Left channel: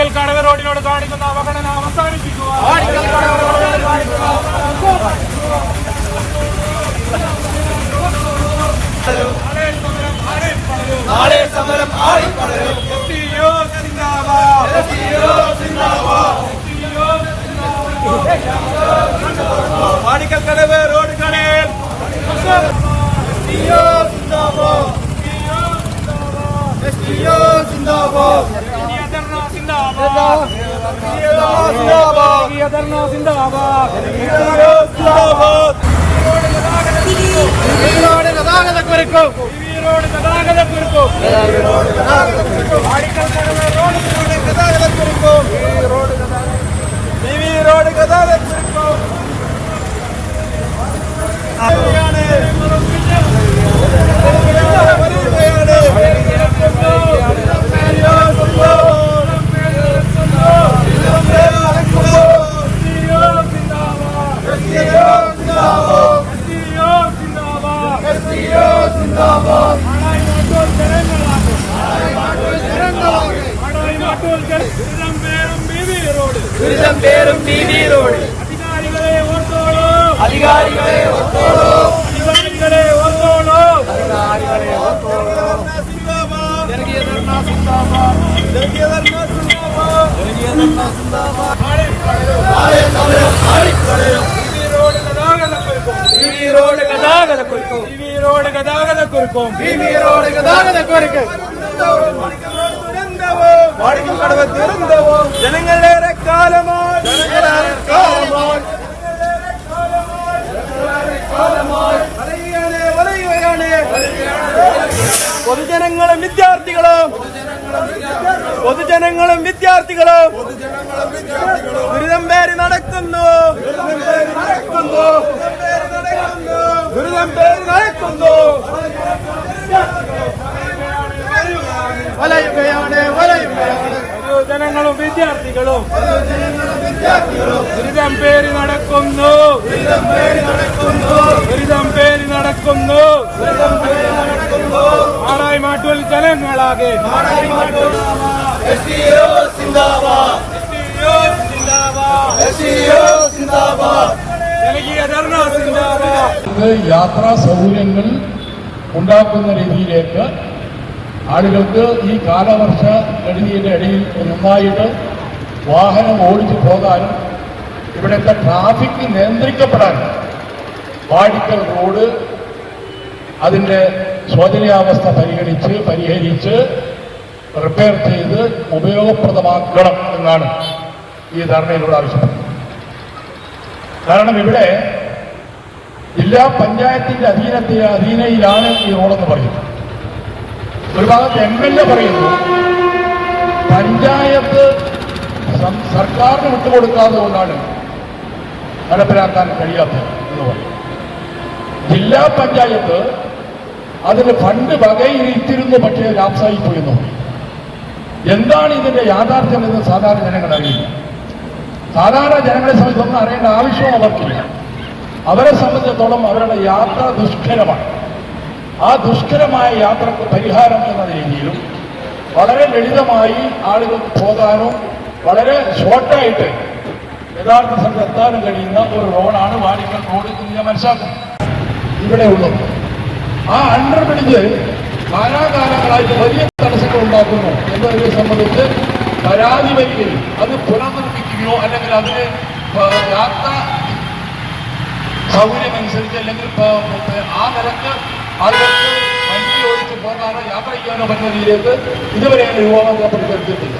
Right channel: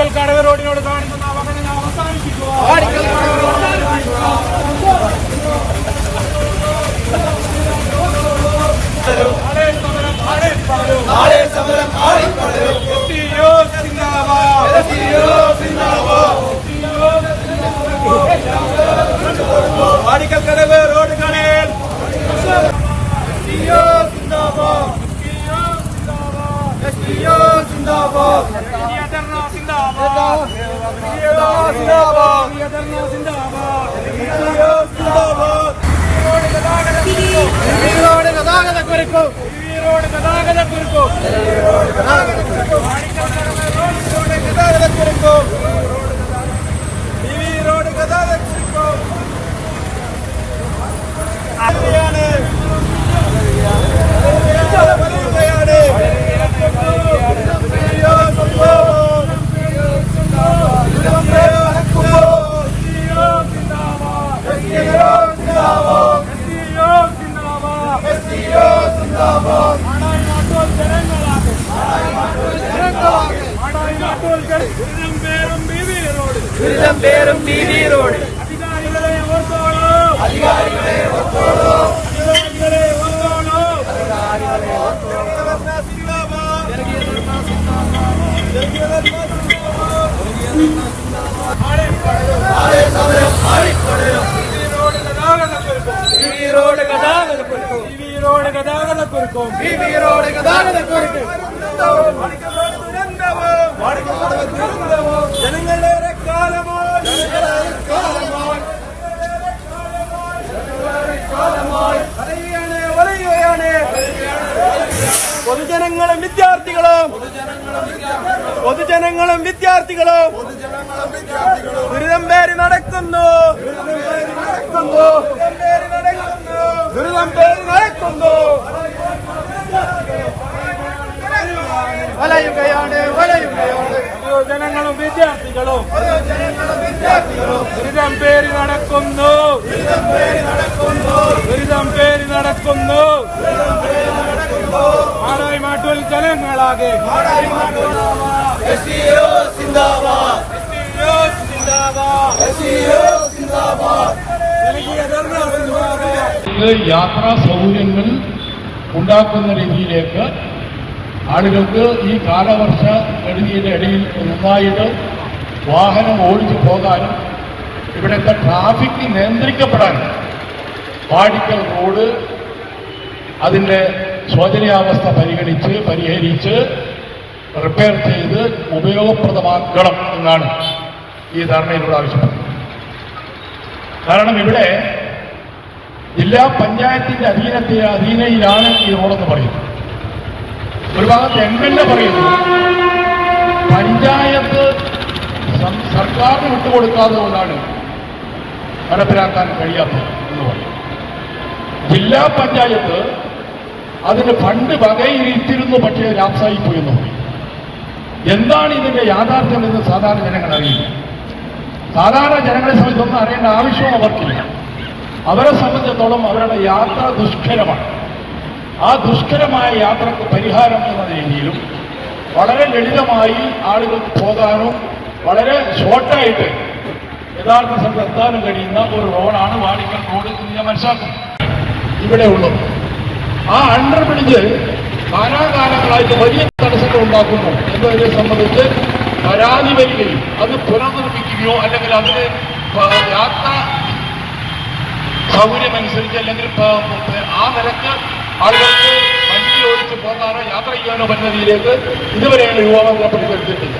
വാടിക്കൽ കടവ് റോഡിനോട് കാണിക്കുന്ന അവഗണന അവസാനിപ്പിക്കുക. വാടിക്കൽ കടവ് റോഡിനോട് കാണിക്കുന്ന നാളെ സമരം ആളിപ്പടരും. വാടിക്കൽ കടവ് റോഡ് കടയിൽ പേരും ബീവി റോഡ്. അധികാരികളെ ഓർത്തോളൂ, അധികാരികളെ ഓർത്തോളൂ, അധികാരികളെ ഓർത്തോളൂ. ജനങ്ങളേറെ കാലമായി വലയുകയാണ്. പൊതുജനങ്ങളും വിദ്യാർത്ഥികളും ദുരിതം പേര് നടക്കുന്നു. ജനങ്ങളും വിദ്യാർത്ഥികളും ദുരിതം പേര് നടക്കുന്നു. മാടായി മാട്ടൂൽ ജനങ്ങളാകെ യാത്രാ സൗകര്യങ്ങൾ ഉണ്ടാക്കുന്ന രീതിയിലേക്ക് ആളുകൾക്ക് ഈ കാലവർഷ കെടുതിയുടെ ഇടയിൽ നന്നായിട്ട് വാഹനം ഓടിച്ചു പോകാനും ഇവിടുത്തെ ട്രാഫിക് നിയന്ത്രിക്കപ്പെടാനും വാടിക്കൽ റോഡ് അതിൻ്റെ ശോചനീയാവസ്ഥ പരിഹരിച്ച് റിപ്പയർ ചെയ്ത് ഉപയോഗപ്രദമാക്കണം എന്നാണ് ഈ ധർണയിലൂടെ ആവശ്യപ്പെടുന്നത്. കാരണം ഇവിടെ ജില്ലാ പഞ്ചായത്തിന്റെ അധീനയിലാണ് ഈ റോഡെന്ന് പറയുന്നത്. ഒരു ഭാഗത്ത് എംഎൽഎ പറയുന്നു പഞ്ചായത്ത് സർക്കാരിന് വിട്ടുകൊടുക്കാതെ കൊണ്ടാണ് നടപ്പിലാക്കാൻ കഴിയാത്തത് എന്ന് പറയും. ജില്ലാ പഞ്ചായത്ത് അതിന് ഫണ്ട് വകയിരുത്തിയിരുന്നു, പക്ഷേ ലാപ്സായിപ്പോയി എന്ന് പറയും. എന്താണ് ഇതിന്റെ യാഥാർത്ഥ്യം എന്ന് സാധാരണ ജനങ്ങൾ അറിയില്ല. സാധാരണ ജനങ്ങളെ സംബന്ധിച്ച് ഒന്നും അറിയേണ്ട ആവശ്യവും അവർക്കില്ല. അവരെ സംബന്ധിച്ചിടത്തോളം അവരുടെ യാത്ര ദുഷ്കരമാണ്. ആ ദുഷ്കരമായ യാത്രക്ക് പരിഹാരം എന്ന രീതിയിലും വളരെ ലളിതമായി ആളുകൾക്ക് പോകാനോ വളരെ ഷോർട്ടായിട്ട് യഥാർത്ഥ സ്ഥലത്ത് എത്താനും കഴിയുന്ന ഒരു റോഡാണ് വാടിക്കൽ റോഡ് എന്ന് ഞാൻ മനസ്സിലാക്കുന്നു. ഇവിടെ ഉള്ളത് ആ അണ്ടർ ബ്രിഡ്ജ് കാലാകാലങ്ങളായിട്ട് വലിയ തടസ്സങ്ങൾ ഉണ്ടാക്കുന്നു എന്നതിനെ സംബന്ധിച്ച് പരാതി വരികയും അത് പുനർനിർമ്മിക്കുകയോ അല്ലെങ്കിൽ അതിന് യാത്ര സൗകര്യമനുസരിച്ച് അല്ലെങ്കിൽ ആ നിലക്ക് ആളുകൾക്ക് വണ്ടി ഓടിച്ച് പോകാനോ യാത്ര ചെയ്യാനോ പറ്റുന്ന രീതിയിലേക്ക് ഇതുവരെയാണ് യുവാക്കളെ പരിസരത്തില്ല.